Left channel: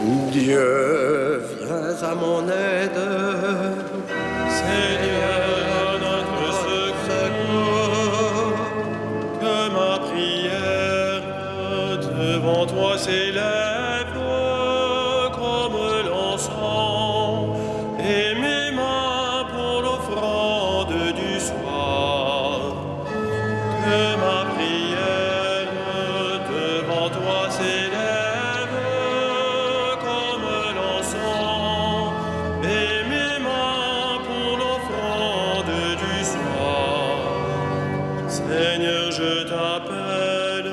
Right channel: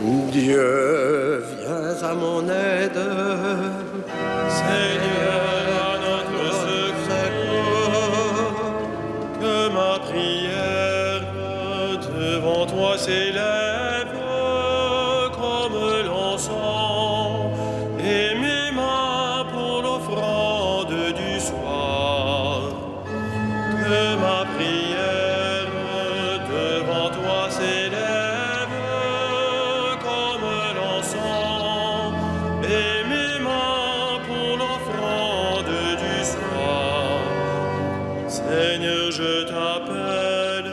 Dieu, viens à mon aide. Seigneur, à notre secours, que ma prière devant toi s'élève comme l'encens, et mes mains pour l'offrande du soir. Que ma prière devant toi s'élève comme l'encens, et mes mains pour l'offrande du soir. Seigneur, je t'appelle,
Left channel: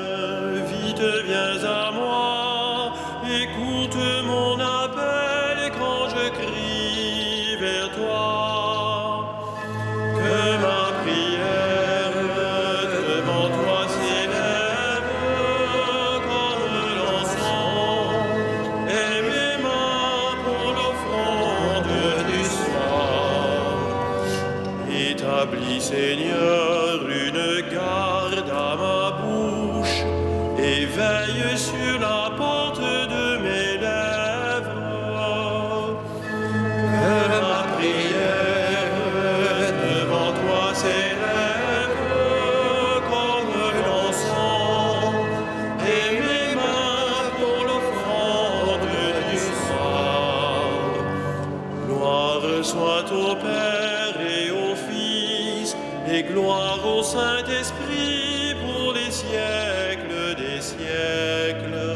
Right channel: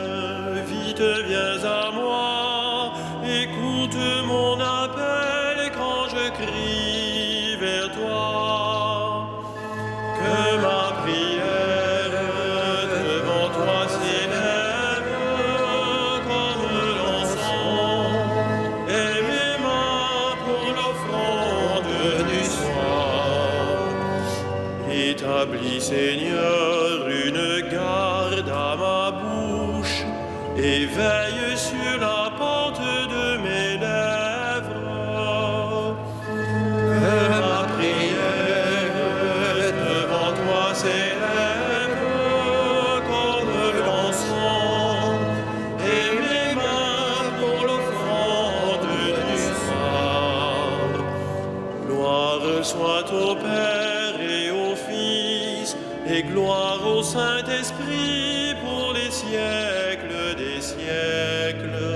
vite viens à moi, écoute mon appel quand je crie vers toi. Que ma prière devant toi s'élève comme l'encens, et mes mains pour l'offrande du soir. Établis, Seigneur, une garde à ma bouche, et veille sur la porte de mes lèvres. Que ma prière devant toi s'élève comme l'encens, et mes mains pour l'offrande du soir. Gloire soit au Père et au Fils, et gloire au Saint-Esprit pour les siècles des siècles.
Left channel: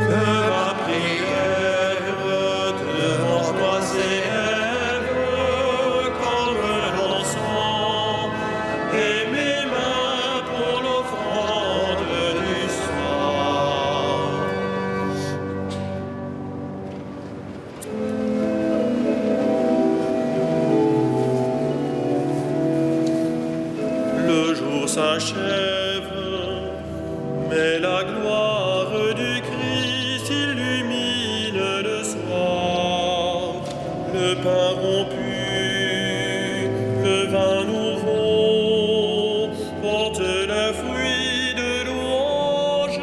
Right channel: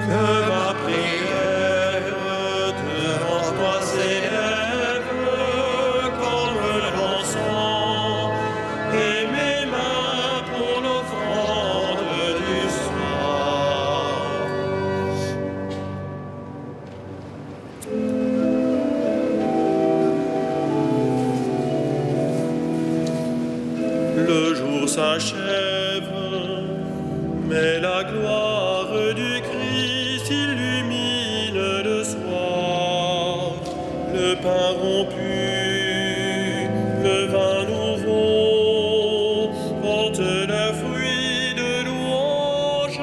Que ma prière devant toi s'élève comme l'encens, et mes mains pour l'offrande du soir. Le jour s'achève, mais la gloire du Christ illumine le soir. Le pain rompu, le vin nouveau, porte le fruit de louange.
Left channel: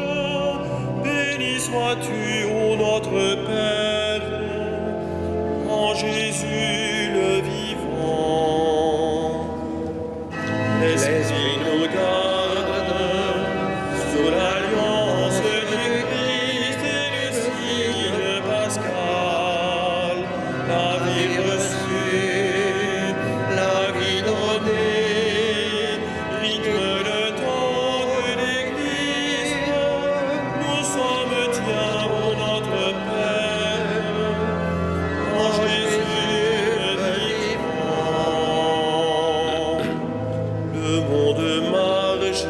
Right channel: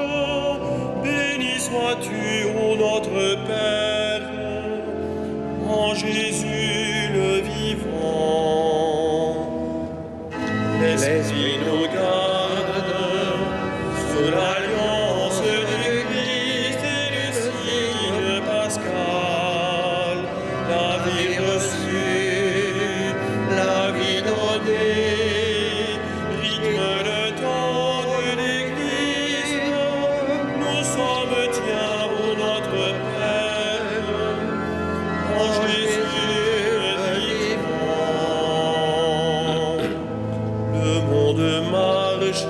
Béni sois-tu, ô notre Père, en Jésus le vivant. L'Esprit nous garde sous l'alliance du Christ et le signe pascal. La vie reçue, la vie donnée, rythme le temps de l'Église. Nous sommes tiens, ô notre Père, en Jésus le vivant. Le monde marche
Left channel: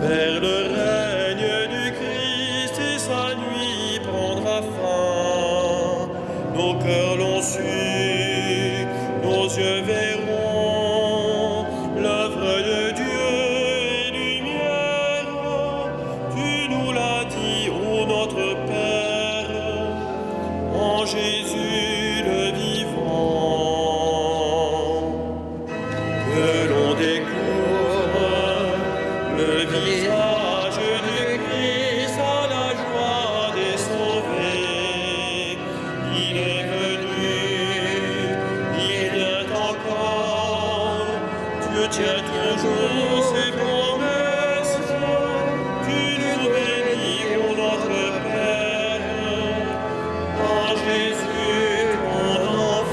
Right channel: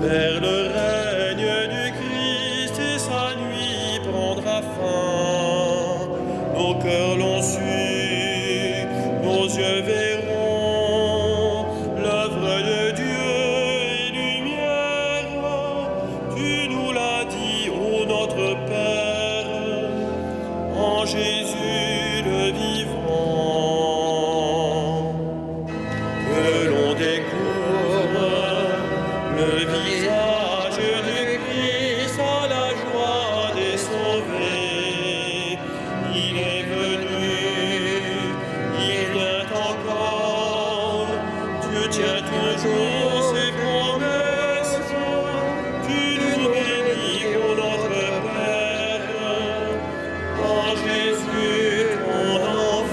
vers le règne du Christ et sa nuit prendra fin. Nos cœurs l'ont su, nos yeux verront l'œuvre de Dieu et lumière. Tu nous l'as dit, ô notre Père, en Jésus le vivant. Que l'on découvre le visage du Christ à la joie des sauvés. Il est venu, il vient encore. Dieu tient toujours ses promesses. Tu nous bénis, ô notre Père, en Jésus ton enfant.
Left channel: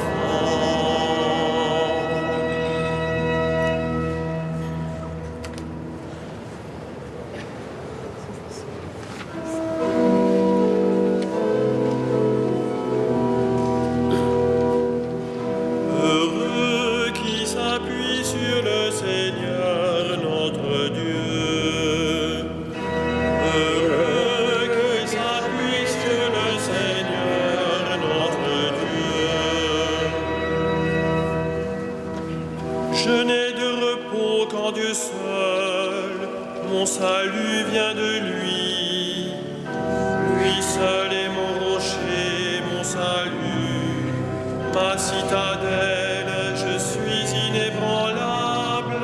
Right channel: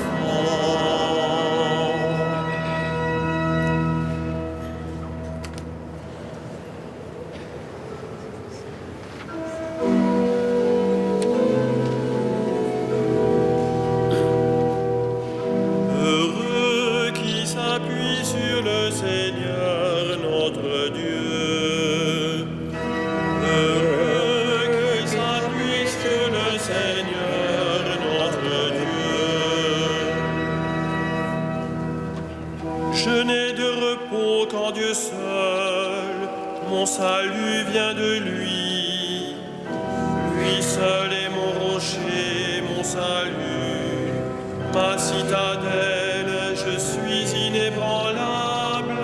Heureux qui s'appuie sur le Seigneur notre Dieu. Heureux qui s'appuie sur le Seigneur notre Dieu. Je n'ai de repos qu'en Dieu seul, mon salut vient de lui. Lui seul est mon rocher, mon salut, ma citadelle, je suis inébranlable.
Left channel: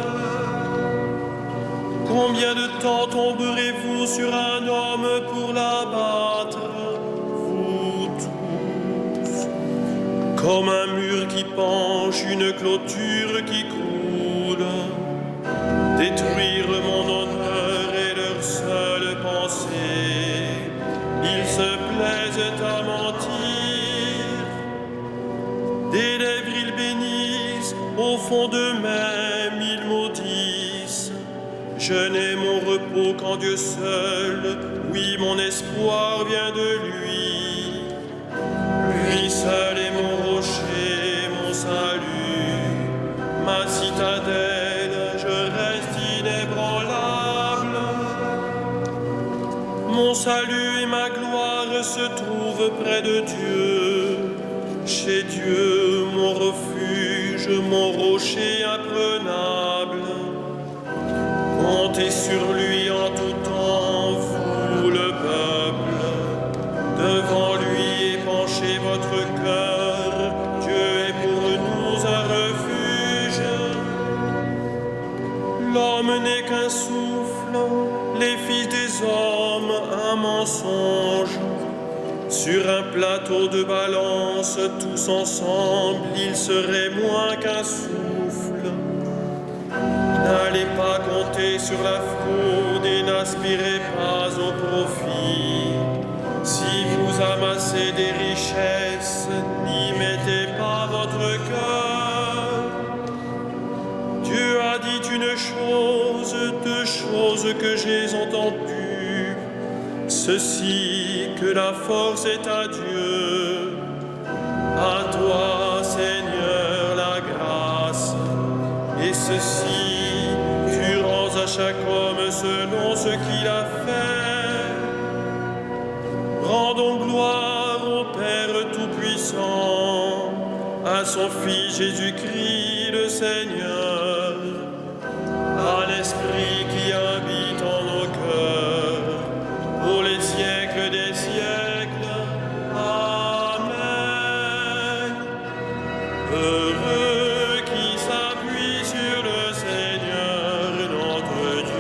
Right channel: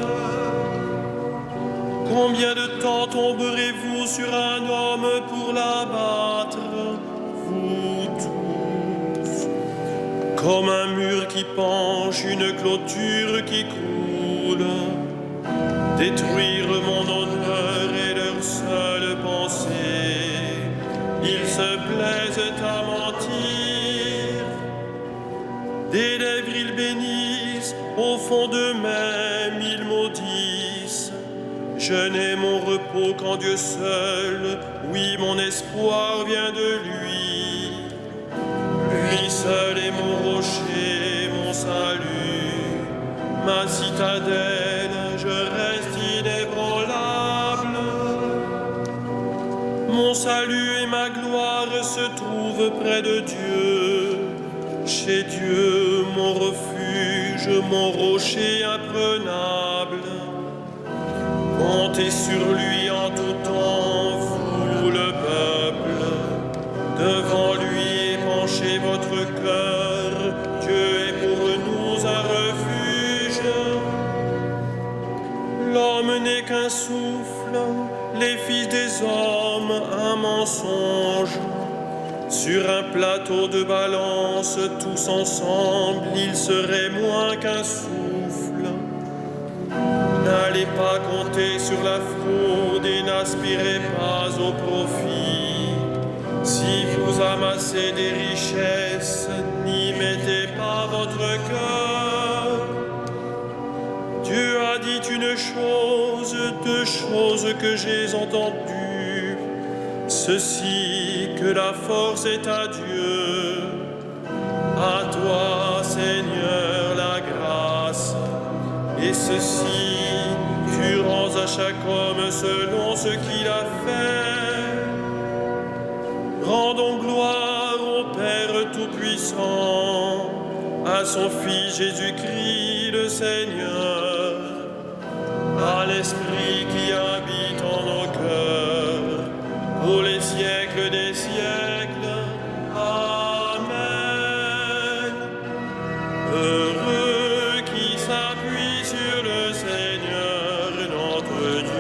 Combien de temps tomberez-vous sur un homme pour l'abattre, vous tous? Comme un mur qui penche, une clôture qui croule. Détruire mon honneur est leur seule pensée. Ils se plaisent à mentir. Des lèvres ils bénissent, au fond d'eux-mêmes ils maudissent. Je n'ai mon repos qu'en Dieu seul, oui, mon espoir vient de lui. Lui seul est mon rocher, mon salut, ma citadelle, je reste inébranlable. Mon salut et ma gloire se trouvent près de Dieu. Chez Dieu, mon refuge, mon rocher imprenable. Comptez sur lui en tout temps, vous le peuple. Devant lui épanchez votre cœur, Dieu est pour nous un refuge. L'homme n'est qu'un souffle, les fils des hommes un mensonge. Sur un plateau de balance, tous ensemble, ils seraient moins qu'un souffle. N'allez pas compter sur la fraude et n'aspirez pas au profit. Si vous amassez des richesses, n'y mettez pas votre cœur. Dieu a dit une chose, deux choses que j'ai entendues. Ceci, que la force est à Dieu. À toi, Seigneur, la grâce. Et ceci, tu rends à chaque homme selon ce qu'il a fait. Rendons gloire au Père Tout-Puissant, à son Fils Jésus-Christ le Seigneur, à l'Esprit qui habite en nos cœurs, pour les siècles des siècles. Amen. Heureux qui s'appuie sur le Seigneur notre Dieu.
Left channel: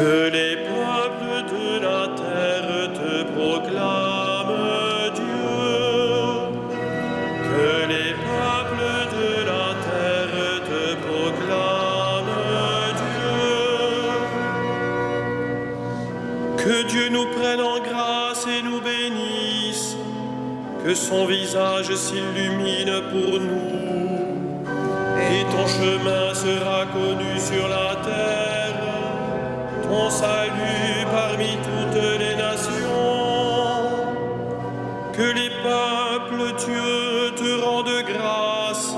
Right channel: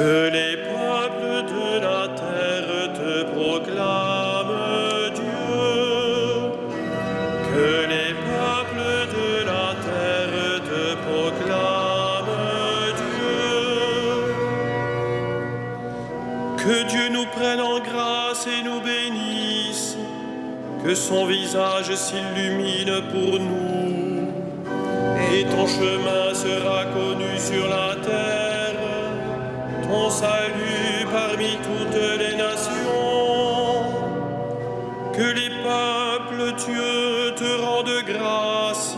Que les peuples de la terre te proclament Dieu. Que les peuples de la terre te proclament Dieu. Que Dieu nous prenne en grâce et nous bénisse. Que son visage s'illumine pour nous. Et ton chemin sera connu sur la terre. Ton salut parmi toutes les nations. Que les peuples, Dieu, te rendent grâce.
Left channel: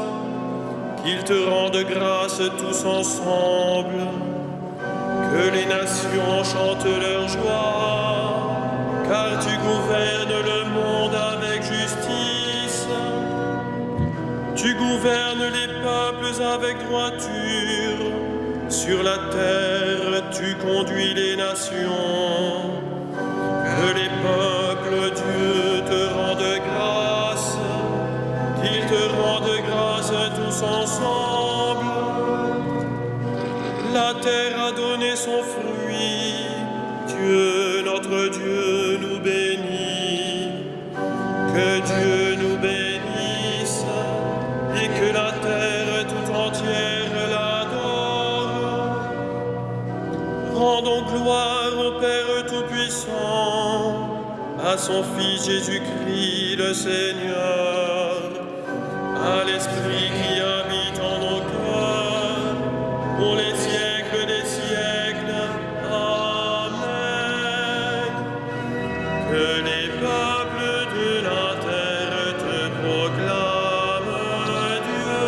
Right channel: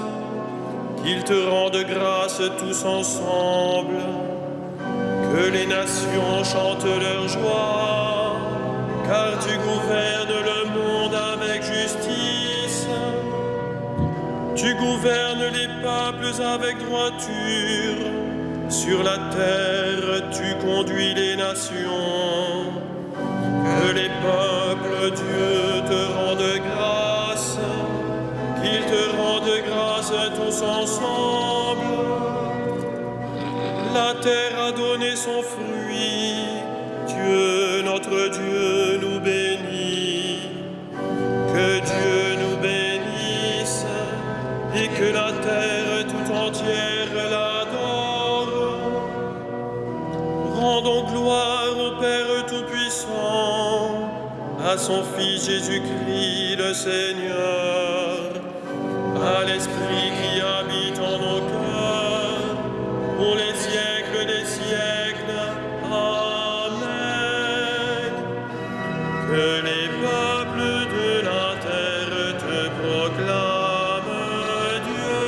Qu'ils te rendent grâce tous ensemble. Que les nations chantent leur joie. Car tu gouvernes le monde avec justice. Tu gouvernes les peuples avec droiture. Sur la terre, tu conduis les nations. Que les peuples, Dieu, te rendent grâce. qu'ils te rendent grâce tous ensemble. La terre a donné son fruit, Dieu, notre Dieu, nous bénit. Que Dieu nous bénisse et que la terre tout entière l'adore. Rendons gloire au Père Tout-Puissant, à son Fils Jésus-Christ le Seigneur, à l'Esprit qui habite en nos cœurs, pour les siècles des siècles. Amen. Que les peuples de la terre te proclament, Dieu.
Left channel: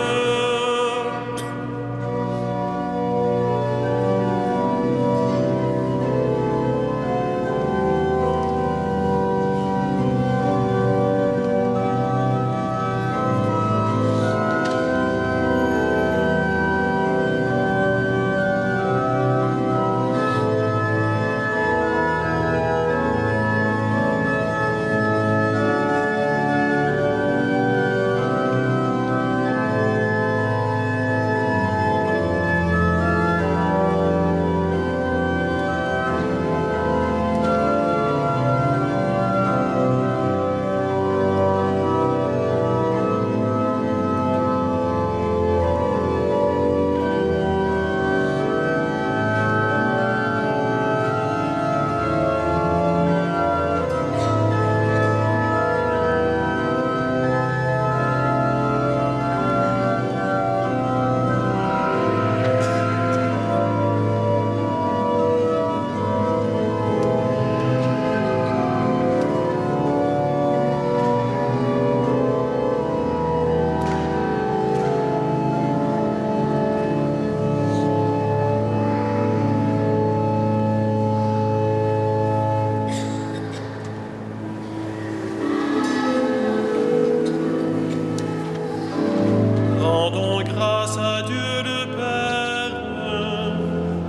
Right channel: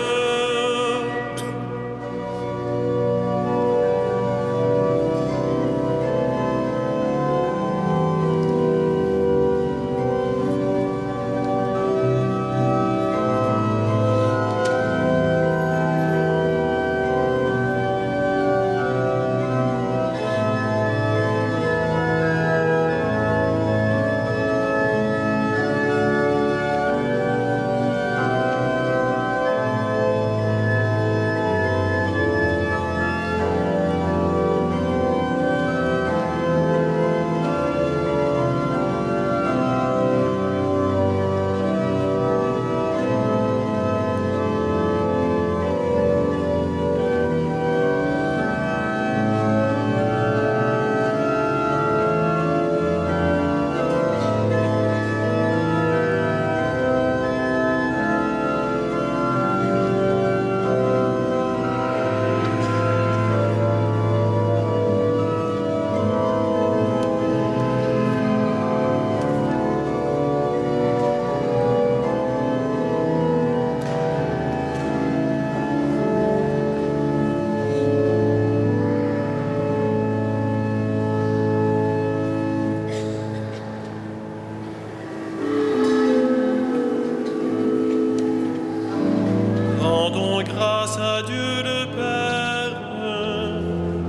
Rendons grâce à Dieu le Père,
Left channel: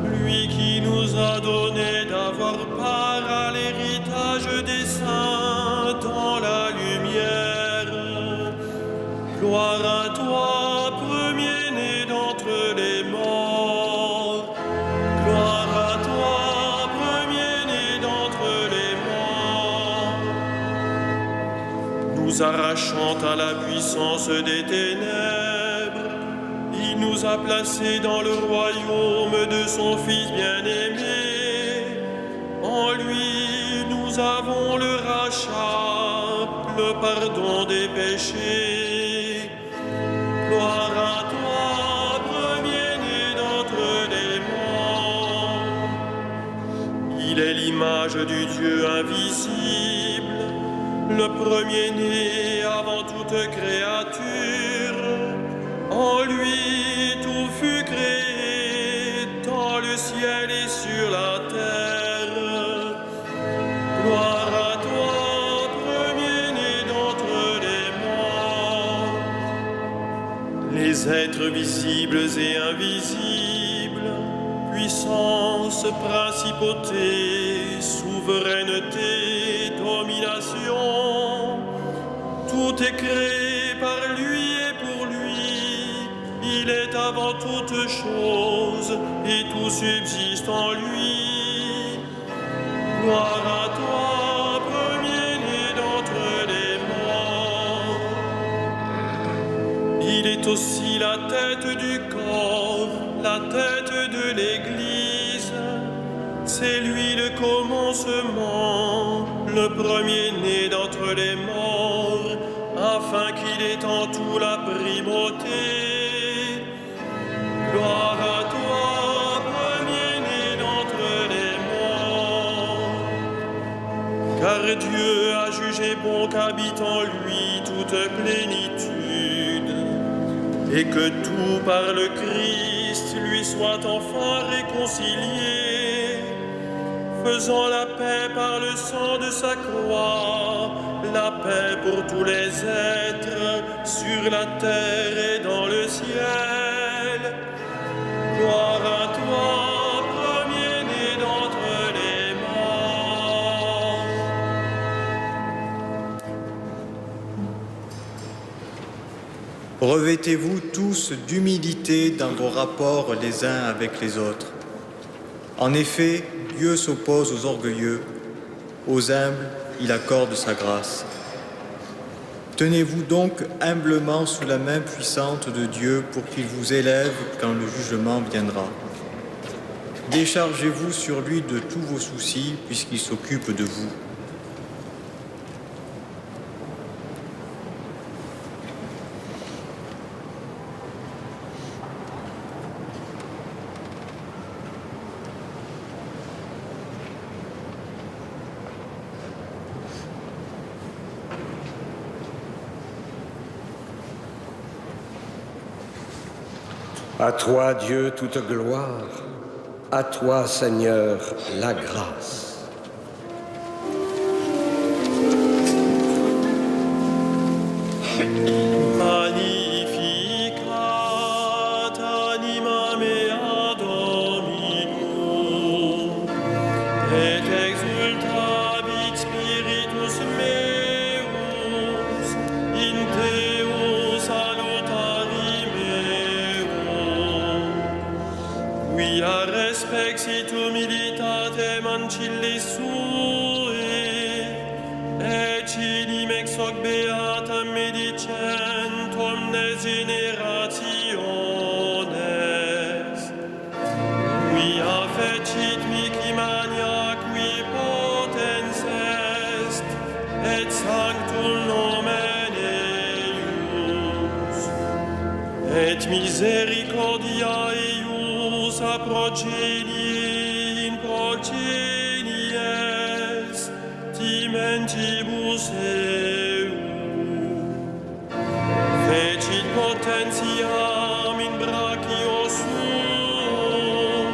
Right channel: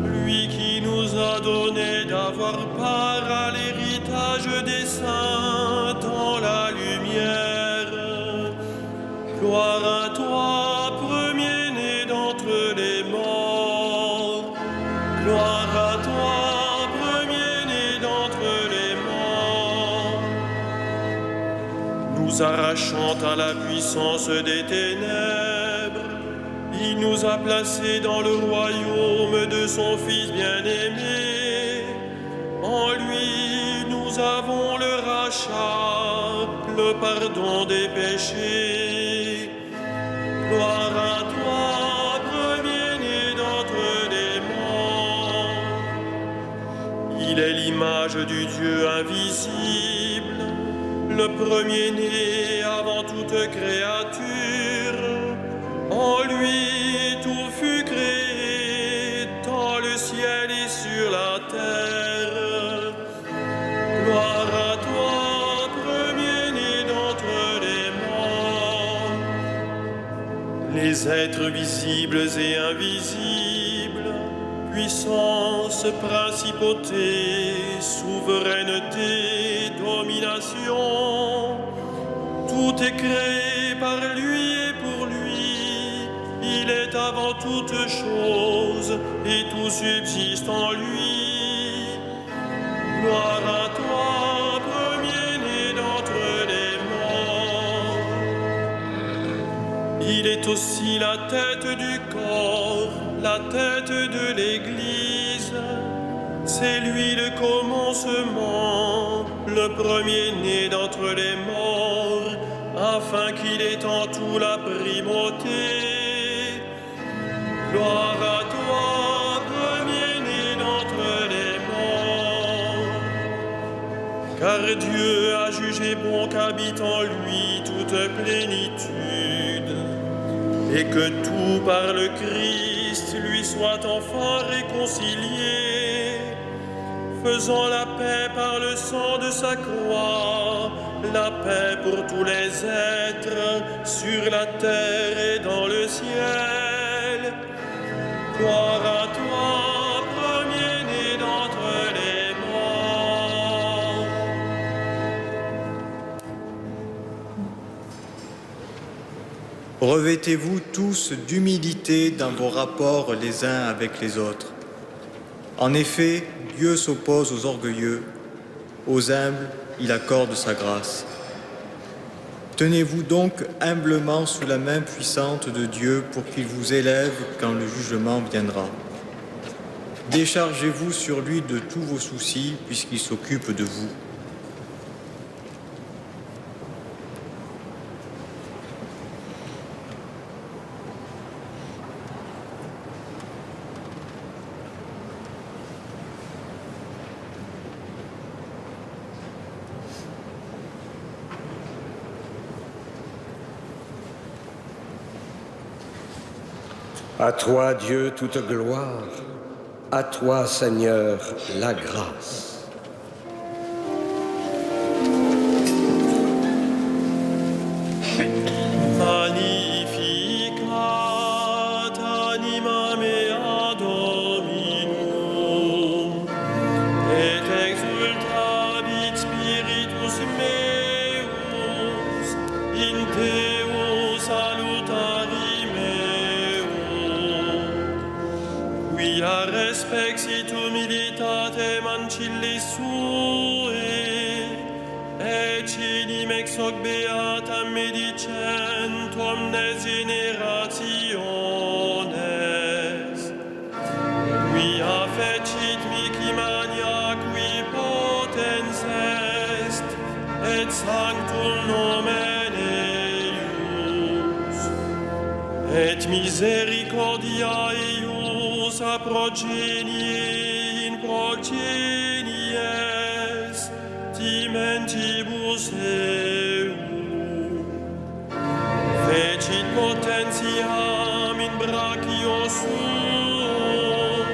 lui qui nous a donné d'avoir part à l'héritage des saints dans la lumière. Gloire à toi, premier-né d'entre les morts. Gloire à toi, premier-né d'entre les morts. Nous arrachant à la puissance des ténèbres, il nous a placés dans le royaume de son Fils bien-aimé. En lui, nous avons le rachat, le pardon des péchés. Gloire à toi, premier-né d'entre les morts. Il est l'image du Dieu invisible, le premier-né avant toute créature. En lui tout fut créé, dans le ciel et sur la terre. Gloire à toi, premier-né d'entre les morts. Les êtres visibles et invisibles, puissance, principauté, souveraineté, domination, tout est créé par lui et pour lui. Il est avant toute chose et tout subsiste en lui. Gloire à toi, premier-né d'entre les morts. Il est aussi la tête du corps, la tête de l'Église. C'est lui le commencement, le premier-né d'entre les morts, afin qu'il ait en tout la primauté. Gloire à toi, premier-né d'entre les morts. Car Dieu a jugé bon qu'habite en lui toute plénitude, et que tout par le Christ lui soit enfin réconcilié, faisant la paix par le sang de sa croix, la paix pour tous les êtres sur la terre et dans le ciel. Gloire à toi, premier-né d'entre les morts. Revêtez-vous tous d'humilité dans vos rapports les uns avec les autres. En effet, Dieu s'oppose aux orgueilleux, aux humbles, il accorde sa grâce. Tenez-vous donc humblement sous la main puissante de Dieu pour qu'il vous élève quand le jugement viendra. Déchargez-vous sur lui de tous vos soucis puisqu'il s'occupe de vous. À toi, Dieu, toute gloire. À toi, Seigneur, la grâce. Magnificat anima mea Dominum, et exultavit spiritus meus, in Deo salutari meo, quia respexit humilitatem ancilli sue, et cinim ex hoc beatam medicent omnes generationes, quia fecit mihi magna qui potens est, et sanctum nomen eius, et misericordia eius a progenie in progenies, timentibus eu. Fecit potentiam in brachio suo,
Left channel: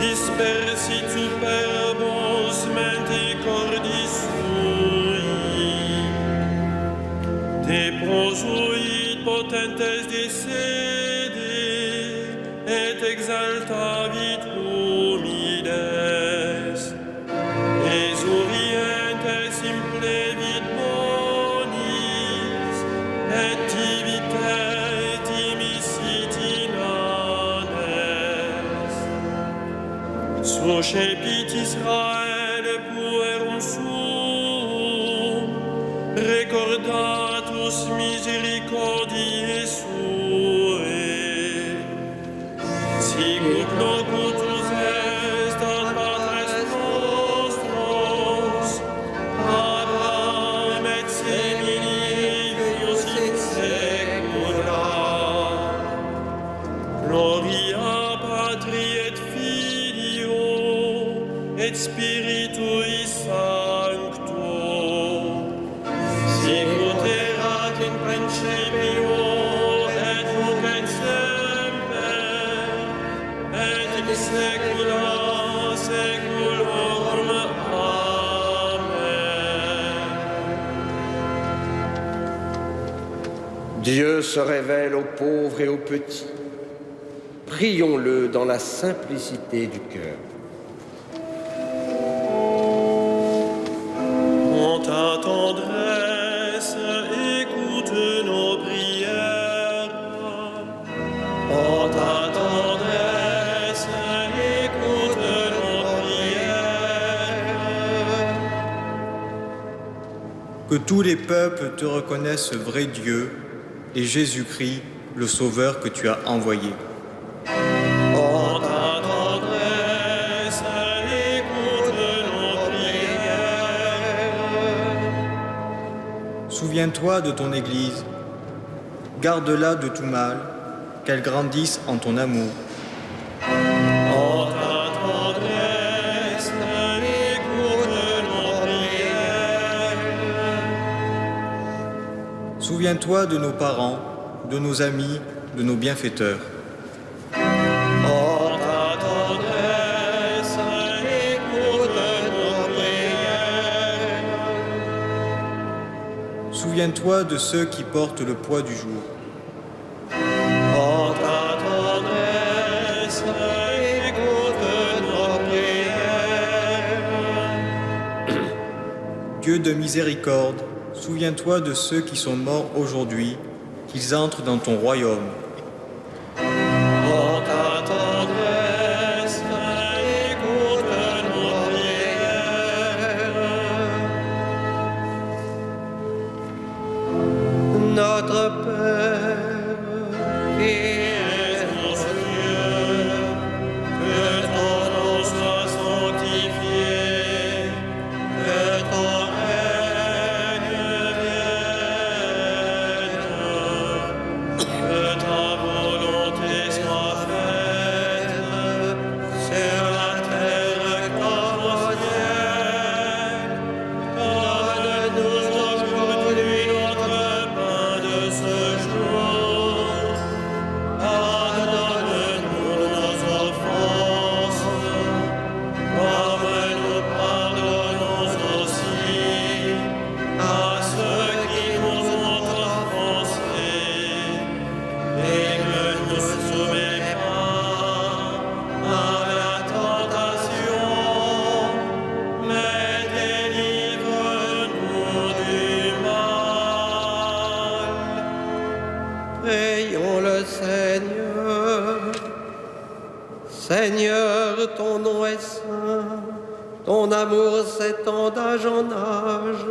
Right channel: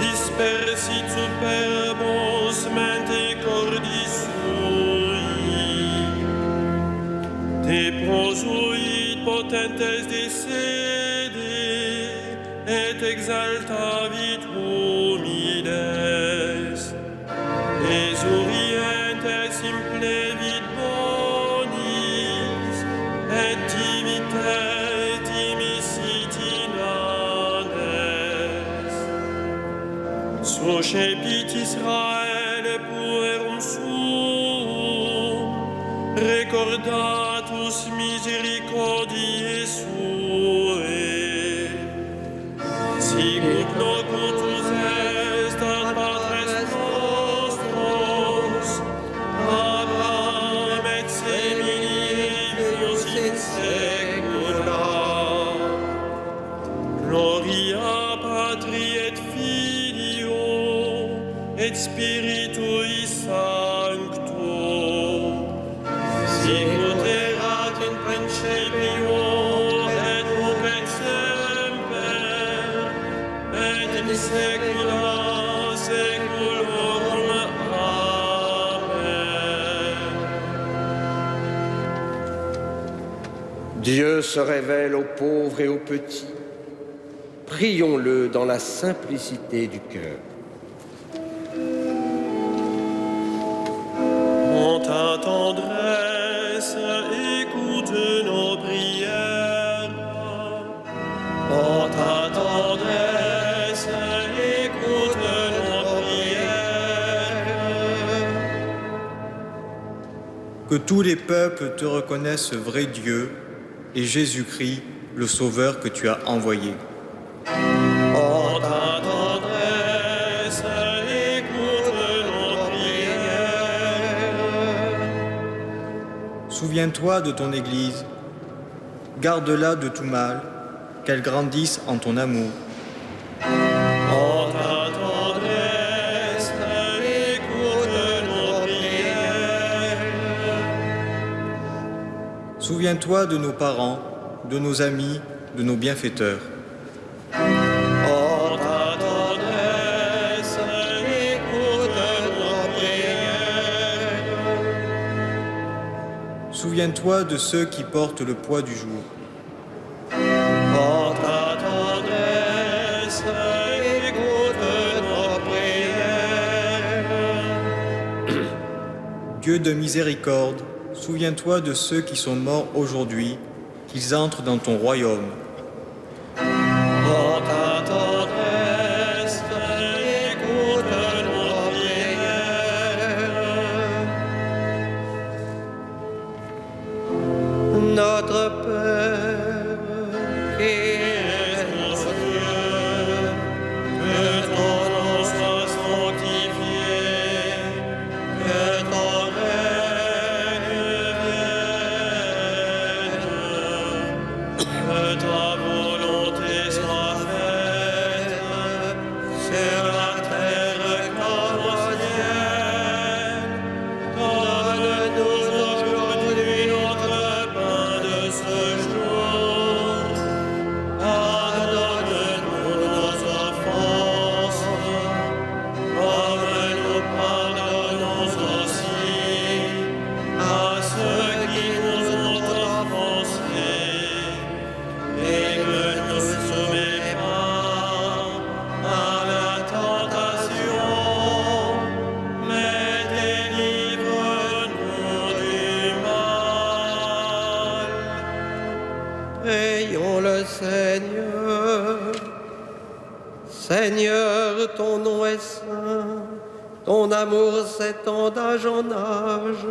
dispersit superbos mente cordis sui. Deposuit potentes de sede, et exaltavit humides. Esurientes implevit bonis, et divite dimisit inanes. Suscepit Israel puerum suum, recordatus misericordiae suae, sicut locutus est ad patres nostros, Abraham et semini eius in saecula. Gloria Patri et Filio et Spiritui Sancto, sicut erat in principio et nunc et semper et in saecula saeculorum. Amen. Dieu se révèle aux pauvres et aux petits. Prions-le dans la simplicité du cœur. En ta tendresse, écoute nos prières. En ta tendresse, écoute nos prières. Que tous les peuples te reconnaissent vrai Dieu et Jésus-Christ, le Sauveur que tu as envoyé. En ta tendresse, écoute nos prières. Souviens-toi de ton Église, garde-la de tout mal, qu'elle grandisse en ton amour. En ta tendresse, écoute nos prières. Souviens-toi de nos parents, de nos amis, de nos bienfaiteurs. En ta tendresse, écoute nos prières. Souviens-toi de ceux qui portent le poids du jour. En ta tendresse, écoute nos prières. Dieu de miséricorde, souviens-toi de ceux qui sont morts aujourd'hui, qui qu'ils entrent dans ton royaume. En ta tendresse, écoute nos prières. Notre Père, qui es aux cieux, Que ton nom soit sanctifié, que ton règne vienne, que ta volonté soit faite sur la terre comme au ciel. Donne-nous aujourd'hui notre pain de ce jour. Pardonne-nous nos offenses, comme nous pardonnons aussi à ceux qui nous ont offensés. Et ne nous soumets pas à la tentation, mais délivre-nous du mal. prions le Seigneur. Seigneur, ton nom est saint, ton amour s'étend d'âge en âge.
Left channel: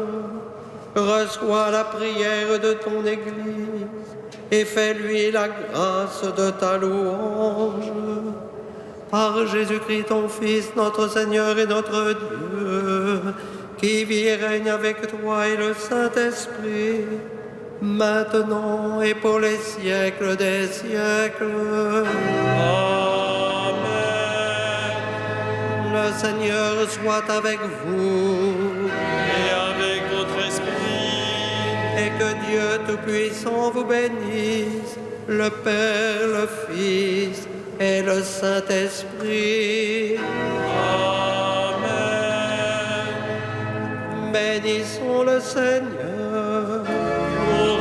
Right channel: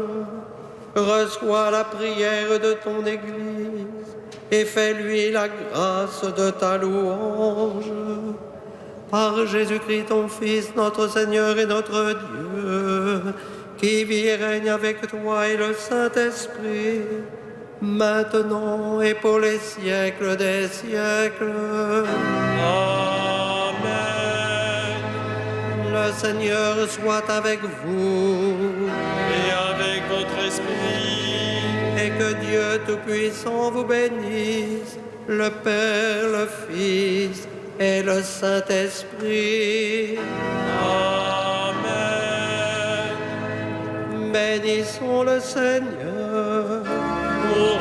Reçois la prière de ton Église et fais-lui la grâce de ta louange. Par Jésus-Christ, ton Fils, notre Seigneur et notre Dieu, qui vit et règne avec toi et le Saint-Esprit, maintenant et pour les siècles des siècles. Amen. Le Seigneur soit avec vous Et avec votre esprit, et que Dieu Tout-Puissant vous bénisse, le Père, le Fils et le Saint-Esprit. Amen. Bénissons le Seigneur. Pour